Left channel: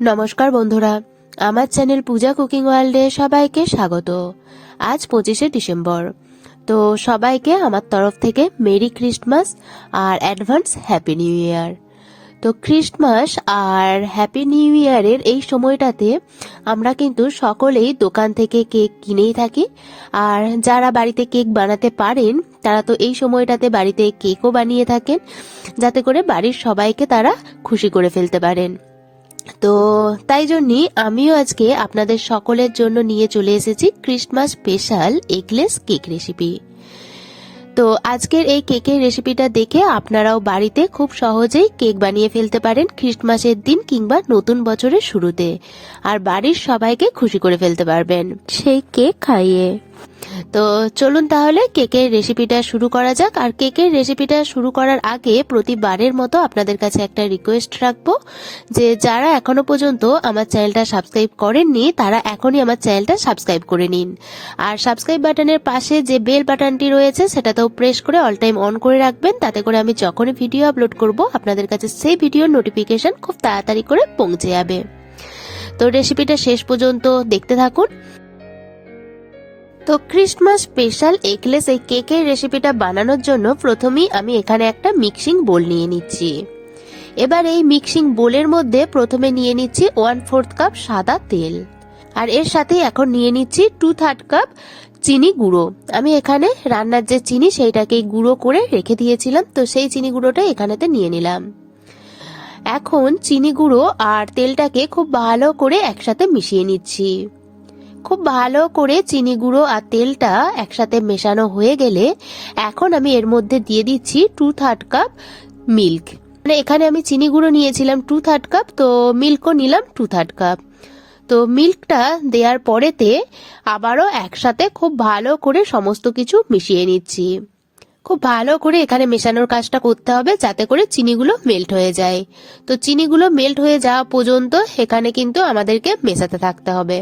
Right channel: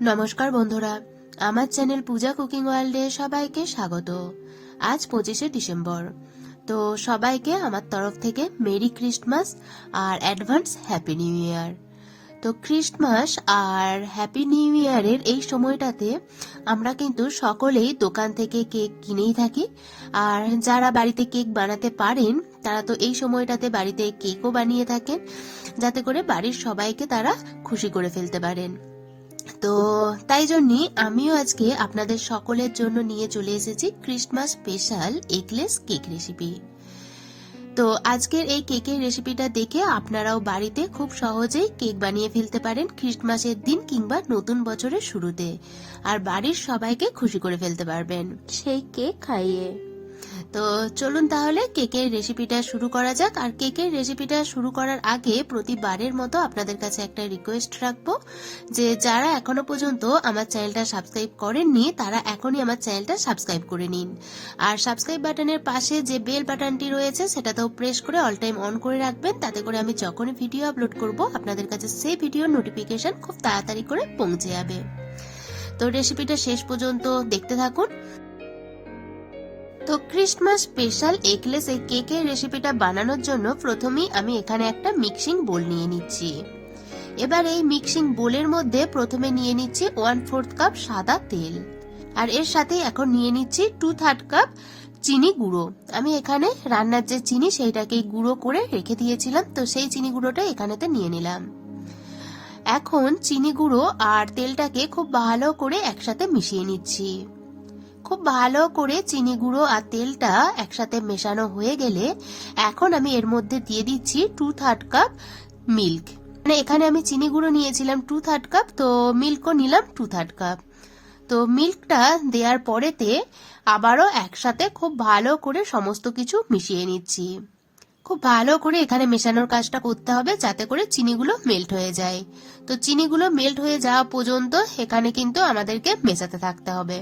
নমস্কার বন্ধুরা, আমার চ্যানেল পূজা কুকিং ওয়ার্ল্ডে সবাইকে স্বাগত। আজ 25শে ডিসেম্বর। তো সবাইকে আমার তরফ থেকে মেরি ক্রিসমাস আর অ্যাডভান্স হ্যাপি নিউ ইয়ার। তো ক্রিসমাস আর হ্যাপি নিউ ইয়ারের এই সময়টাতে আমরা কিন্তু সকলেই দোকান থেকে কেক কিনেই থাকি। আর যারা বাড়িতে কেক বানাতে পারেন তারা তো এই সময়টাতে বাড়িতে কেকও বানিয়ে থাকেন, যাতে করে বাড়ির সবাইকে তারা খুশি করে ফেলতে পারেন। তো তাই জন্যই আমিও আজকে আপনাদের সকলের জন্য নিয়ে চলে এসেছি Christmas special eggless cake recipe. তো আজকের এই কেকের রেসিপিটা দেখে আপনারাও বাড়িতে খুব সহজেই কেক বানিয়ে ফেলতে পারেন ক্রিসমাসের দিন কিংবা নতুন বছরের শুরুতে, আর বাড়ির সবাইকে খুশি করে ফেলতে পারবেন সেই কেক খাইয়ে। তো চলুন তাহলে কেকের রেসিপিটা শুরু করা যাক। আর কেকের রেসিপিটা শুরু করার আগে প্রতিবারের মতো আপনাদের কাছে একটা রিকোয়েস্ট রাখবো যে যারা এখনো পর্যন্ত আমার চ্যানেলটা সাবস্ক্রাইব করেননি তারা এখনই আমার চ্যানেলটা সাবস্ক্রাইব করে নিন। আর সাবস্ক্রাইব বাটনের পাশে যে বেল বাটনটি রয়েছে সেটাতেও প্রেস করে অল টাইম অন করে রাখবেন, তাতে করে আমি যখনই ভিডিও আপলোড করব আপনাদের কাছে সেই ভিডিওর নোটিফিকেশন খুব তাড়াতাড়ি করে পৌঁছে যাবে। তো রেসিপিটা শেষ পর্যন্ত দেখতে থাকুন। তো ক্রিসমাস স্পেশাল এগলেস এই কেকের রেসিপিটা বানানোর জন্য প্রথমেই আমি এখানে একটা মিক্সিং বোল নিয়ে নিচ্ছি। এবার এই মিক্সিং বোলের মধ্যে প্রথমে নিয়ে নিচ্ছি 1/4 কাপ সাদা তেল, আর এর সাথে এখন নিয়ে নিচ্ছি 2/3 কাপ চিনি গুঁড়ো। আমি এখানে রান্নার যে চিনি সেইটাকেই গুঁড়ো করে রেখে দিয়েছিলাম, তো সেই চিনি গুঁড়োটা এখানেতে নিয়ে নিলাম। এখন চিনি গুঁড়ো আর তেলটাকে খুব ভালো করে একসাথে মিশিয়ে নিচ্ছি। খুব ভালো করে চিনি গুঁড়ো আর তেলটা একসাথে মেশানো হয়ে গেলে এখন আমি এর মধ্যে দিয়ে দিচ্ছি 2/3 কাপ মিল্ক। মানে এখানে আমি চিনি গুঁড়ো নিয়েছিলাম 2/3 কাপ, তো মিল্কও নিলাম 2/3 কাপ। তো মিল্কটা দেওয়ার পরেতে আবারও একসাথে খুব ভালো করে সমস্ত কিছু মিশিয়ে নিচ্ছি। খুব ভালো করে এখানে মেশানোর কাজটা করতে হবে যাতে করে চিনিগুলো মেল্ট হয়ে যায়। তো চিনিগুলো মেল্ট হয়ে যাওয়া পর্যন্ত এখানে কিন্তু আমাদেরকে মেশাতে থাকতে হবে।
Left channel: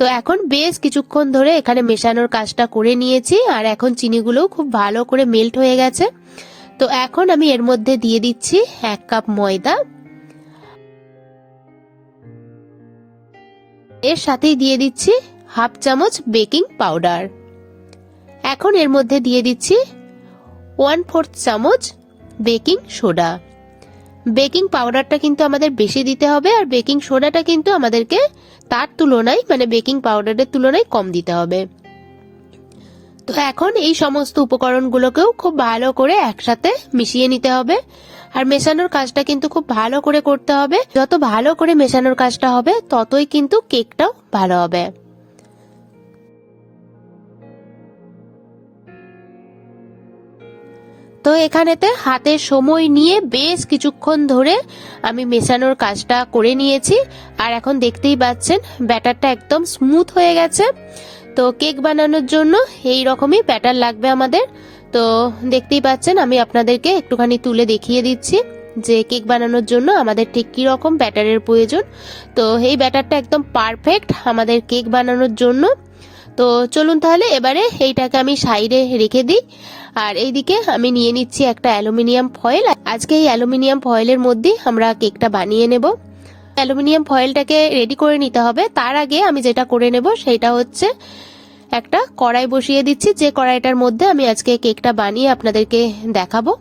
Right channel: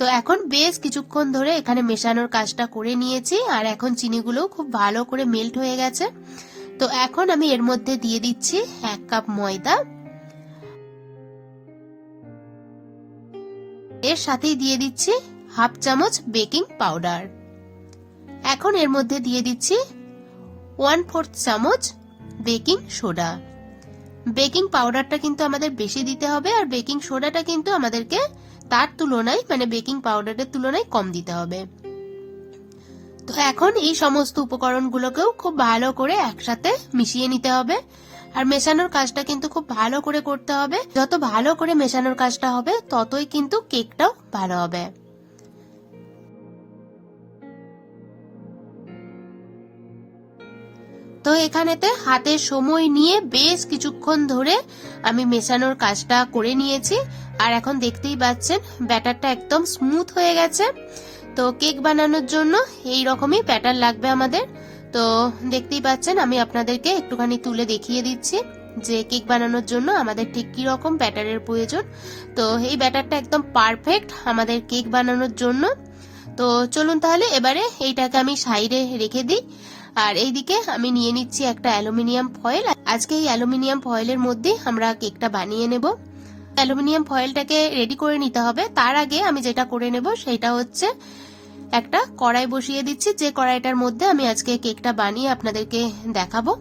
তো এখন বেশ কিছুক্ষণ ধরে এখানে মেশানোর কাজটা করে নিয়েছি, আর এখন চিনিগুলো খুব ভালো করে মেল্ট হয়ে গেছে। তো এখন আমি এর মধ্যে দিয়ে দিচ্ছি 1 কাপ ময়দা, এর সাথেই দিয়ে দিচ্ছি 1/2 চামচ বেকিং পাউডার। এখন এর মধ্যে দিয়ে দিচ্ছি 1/4 চামচ বেকিং সোডা। বেকিং পাউডারটা কিন্তু আমাদের বেশি দিতে হবে, আর বেকিং সোডাটা কিন্তু আমাদেরকে তার তুলনায় মানে বেকিং পাউডারের তুলনায় কম দিতে হবে। তো এখন এই সমস্ত উপকরণগুলোকেও খুব ভালো করে একসাথে মিশিয়ে নিতে হবে। আর মেশানোর কাজটা কিন্তু খুব ভালো করে করতে হবে। যত ভালো করে মেশানোর কাজটা হবে ততই কিন্তু কেকটাও ভালো হবে। তো এখানেতে হাতে সময় নিয়ে বেশ কিছুক্ষণ ধরে আমি মেশানোর কাজটা করে নিয়েছি, আর এখন দেখতেই পাচ্ছেন ব্যাটারটা একদম স্মুথ হয়ে গেছে। তো কেক বানানোর জন্য এই রকমই ব্যাটার লাগবে আমাদের। তো দেখতেই পাচ্ছেন আমি আপনাদেরকে একটুখানি তুলে দেখিয়ে দিচ্ছি যে কেক বানানোর জন্য আমাদের ঠিক কি রকম ব্যাটারের প্রয়োজন। তো এই ব্যাটারটা একদম পারফেক্ট আমাদের কেক বানানোর জন্য। তো চলুন তাহলে এবারে এইটাকে আমি সাইডে রেখে দিই। আর এইদিকে আমি নিয়ে নিচ্ছি একটা অ্যালুমিনিয়াম ফয়েল। আজকে এই অ্যালুমিনিয়াম ফয়েলের মধ্যে আমরা কেকটা বানিয়ে নেব। অ্যালুমিনিয়াম ফয়েলটাকে রেডি করে নিতে হবে। তার আগে আমি যেটা করে নেব সেটা হচ্ছে একটা কড়াই বসিয়ে দিচ্ছি, যে কড়াইটার মধ্যে আমি আজকে কেকটা বানিয়ে আপনাদেরকে দেখাবো।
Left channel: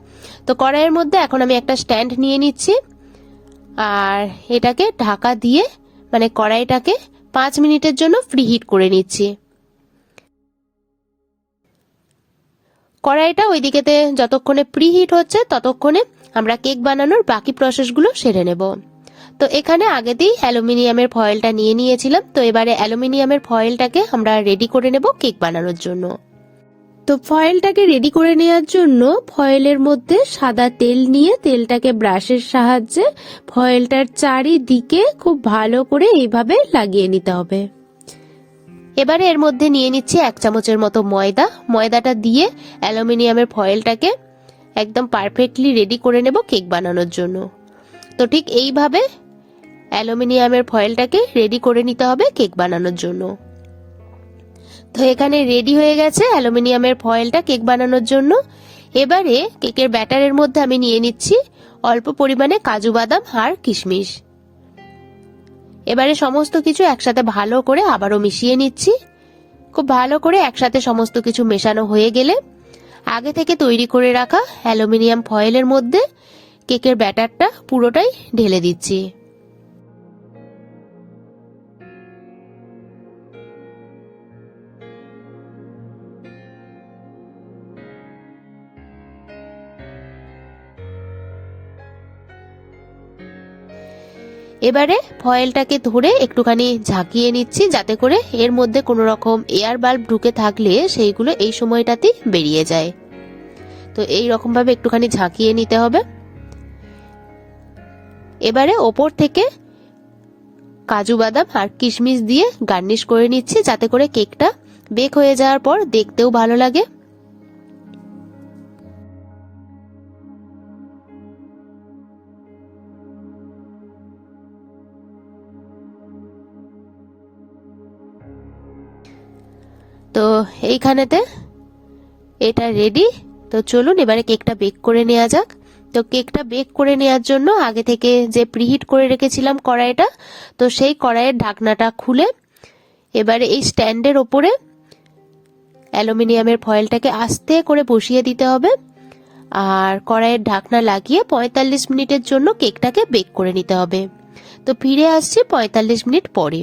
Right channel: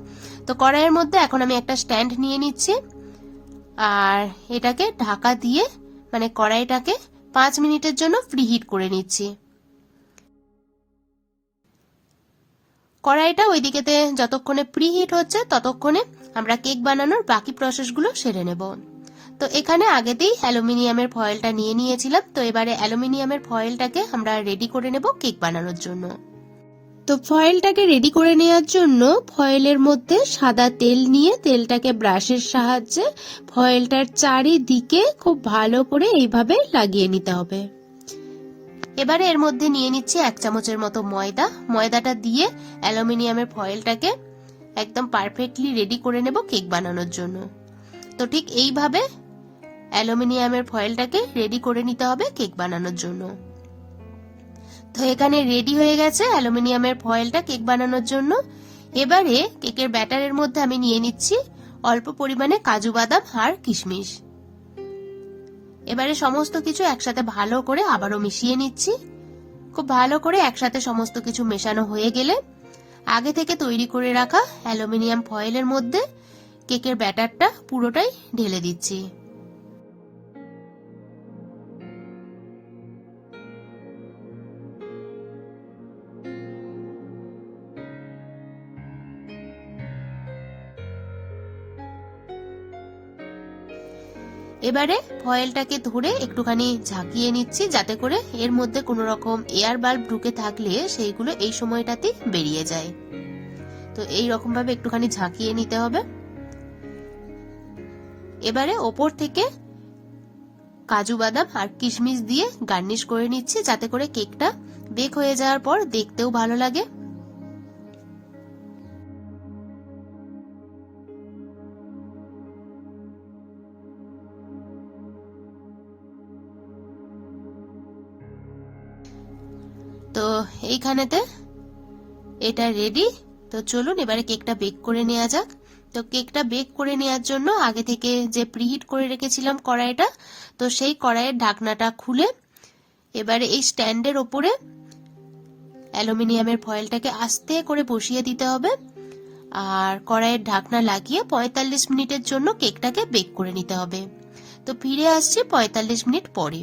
তো কড়াইয়ের মধ্যে এখন আমি একটা স্ট্যান্ড নিয়ে নিচ্ছি, আর এটাকে ঢাকা দিয়ে মানে কড়াইটাকে 5 মিনিটের জন্য প্রিহিট করে নিচ্ছি। কড়াইটা ওইদিকেতে যতক্ষণে প্রিহিট হচ্ছে ততক্ষণে আমরা কেক বানানোর বাকি প্রসেসগুলো সেরে নেব। তো এখানে আগেতেই অ্যালুমিনিয়ামের ফয়েলটা নিয়ে নিয়েছিলাম। তো এবারে অ্যালুমিনিয়ামের ফয়েলটাকে আমরা রেডি করে নেব কেক বানানোর জন্য। তো ফয়েলটাকে রেডি করে নেওয়ার জন্য ফয়েলের মধ্যে সাদা তেল নিয়ে তেলটাকে ব্রাশের সাহায্যে ফয়েলটার চারিদিকে খুব ভালো করে এইভাবে লাগিয়ে নিতে হবে। এবারে এর মধ্যে নিয়ে নিচ্ছি 1 চামচের মতো ময়দা। ময়দাটা দিয়ে অ্যালুমিনিয়ামের ফয়েলটাকে একদম পারফেক্টলি রেডি করে নেব কেক বানানোর জন্য। তো ঠিক এইভাবে অ্যালুমিনিয়ামের ফয়েলটাকে রেডি করে নিতে হবে কেক বানানোর জন্য। তো এখানে রেডি হয়ে গেছে অ্যালুমিনিয়ামের ফয়েলটা কেক বানানোর জন্য। এবারে কেকের ব্যাটারের মধ্যে আমি নিয়ে নিচ্ছি অল্প পরিমাণে কাজু বাদাম আর কিশমিশ। এবারে সমস্ত কিছু একসাথে ভালো করে আবারও মিশিয়ে নিচ্ছি। খুব ভালো করে একসাথে সমস্ত কিছু মেশানো হয়ে গেলে আগে থেকে তৈরি করে রাখা অ্যালুমিনিয়াম ফয়েলের মধ্যে কেকের ব্যাটারটা পুরোটাই ঢেলে দিচ্ছি। এবারে ফয়েলটাকে ধরে একটুখানি ঝাঁকিয়ে নিচ্ছি যাতে করে এর মধ্যে কোনো রকম এয়ার বাল্ব ঢুকে থাকলে সেইগুলো এই সময়টাতেই বেরিয়ে যায়। তো এই রকম ভাবে একটুখানি ঝাঁকিয়ে নিতে হবে। এবারে ওপর থেকে কাজু বাদাম আর কিশমিশ দিয়ে গার্নিশ করে নিচ্ছি যাতে করে কেকটা বেক হয়ে যাওয়ার পর দেখতেও ভালো লাগে। তো এইখানেতে এটা রেডি। তো চলুন এবারে কেকটা বেক করে নেওয়া যাক। তো কেকটা বেক করে নেওয়ার জন্য আগে থেকে যে প্রিহিট করে রেখেছিলাম কড়াইটা, তো সেই কড়াইয়ের ঢাকনাটা খুলে এবারে এই স্ট্যান্ডের ওপরে অ্যালুমিনিয়ামের ফয়েলটাকে আস্তে করে বসিয়ে দিতে হবে আর কড়াইয়ের ঢাকনা লাগিয়ে 45 মিনিটের জন্য কেকটাকে বেক করে নিতে হবে। তো ফিরে আসছি 45 মিনিট পরে।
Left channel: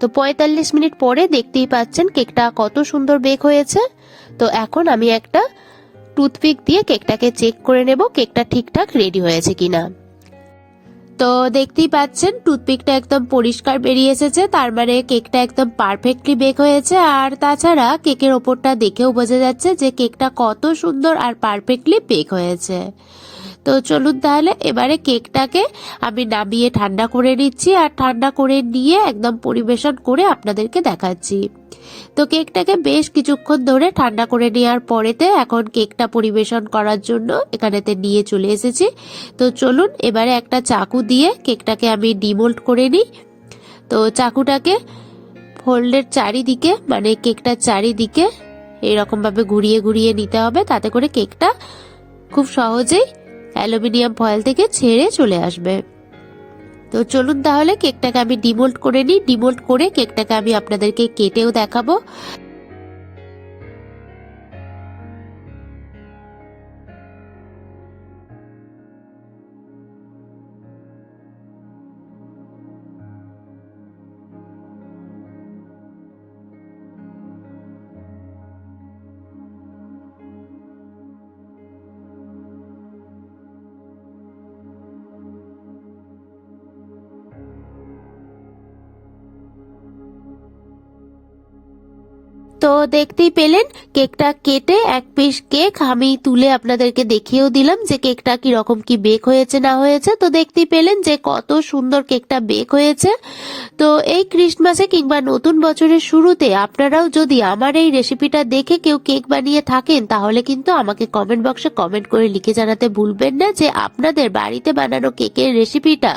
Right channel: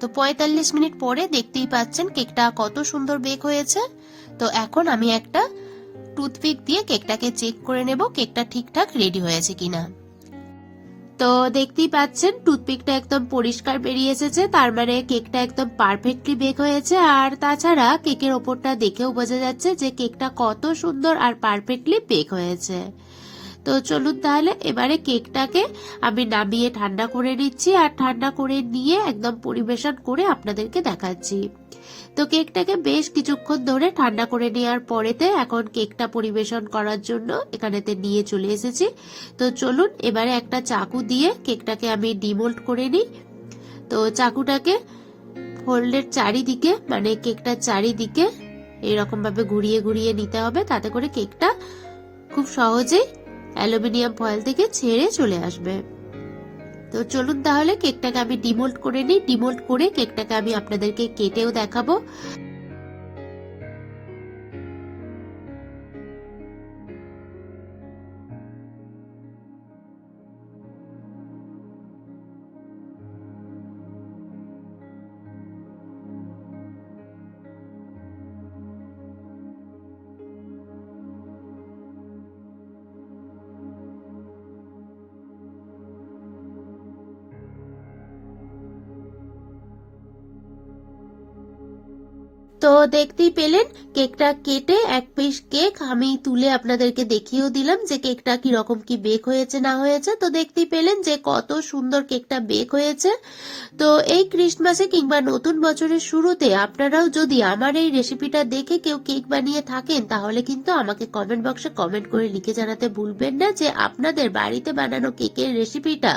তো 45 মিনিট পরে দেখতেই পাচ্ছেন কেকটা কত সুন্দর বেক হয়েছে। তো এখন আমি একটা টুথপিক দিয়ে কেকটাকে চেক করে নেব কেকটা ঠিকঠাক রেডি হয়েছে কিনা। তো দেখতেই পাচ্ছেন টুথপিকটা একদম পরিষ্কার বেরিয়ে এসেছে, তার মানে কেকটা একদম পারফেক্টলি বেক হয়েছে। আর তাছাড়া কেকের ওপরটা দেখেও বোঝা যাচ্ছে যে কেকটা কত সুন্দর আর পারফেক্টলি বেক হয়েছে। তো চলুন তাহলে এবারে কেকটাকে আমি নামিয়ে ঠান্ডা করে নিচ্ছি আর ঠান্ডা করে নিয়ে একদম পরিবেশন করে আপনাদেরকে দেখাচ্ছি। তো কেকটাকে বেশ কিছুক্ষণ ধরে ঠান্ডা করে নেওয়ার পরেতে এখন কেকটা পরিবেশন করার জন্য এখানেতে নিয়ে চলে এসেছি। তো চলুন এবারে একটা চাকু দিয়ে কেকটাকে আমি ডিমোল্ড করে নিই। তো চাকুটাকে ফোল্ডের চারিদিকে মানে কেকটার চারিদিকে এরকম ভাবে ঘুরিয়ে ঘুরিয়ে নিতে হবে, তাতে করে কেকটা খুব সহজেই অ্যালুমিনিয়াম ফয়েল থেকে ছেড়ে চলে আসবে। তো চলুন তাহলে কেকটাকে আমি ডিমোল্ড করে নিই। ডিমোল্ড করে কেকটাকে আমি আপনাদেরকে কেটেও দেখাবো। তো দেখতেই পেলেন কেকটা কেটে এক পিস কেক আমি তুলে আপনাদেরকে দেখিয়েও দিলাম যে কেকটা কিরকম কি বেক হয়েছে না হয়েছে। তো দেখতেই পেলেন যে কত সুন্দর কেকটা বেক হয়েছে। তো এই ক্রিসমাসে কিংবা নতুন বছরের শুরুতে আপনারাও যদি আমার এই রেসিপিটা দেখে কেউ কেক বানিয়ে থাকেন তাহলে কিন্তু আমাকে কমেন্ট বক্সে কমেন্ট করে লিখে জানাতে ভুলবেন না যে আপনাদের বাড়িতে বানানো কেকের রেসিপিটা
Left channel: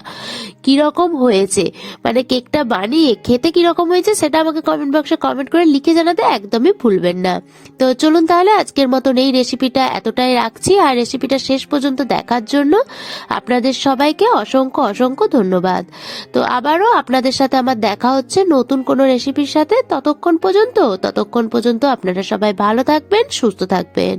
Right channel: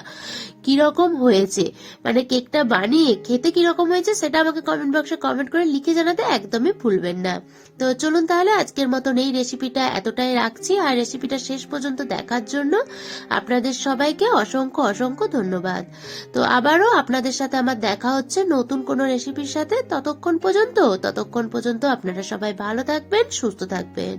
কিরকম হয়েছে, মানে কেকটা বানিয়ে খেতে কিরকম হয়েছে সেটা আমাকে কমেন্ট বক্সে কমেন্ট করে লিখে জানাতে একদমই ভুলবেন না। তো চলুন তাহলে আজকের মতন এই রেসিপিটা এতটাই রাখছি। আর রেসিপিটা শেষ পর্যন্ত দেখার জন্য আপনাদের সবাইকে অসংখ্য অসংখ্য ধন্যবাদ। তো আবারও আপনাদের সাথে আমার দেখা হচ্ছে নতুন কোনো রেসিপির সাথে। ততক্ষণ পর্যন্ত আপনারা সবাই ভালো থাকবেন, সুস্থ থাকবেন।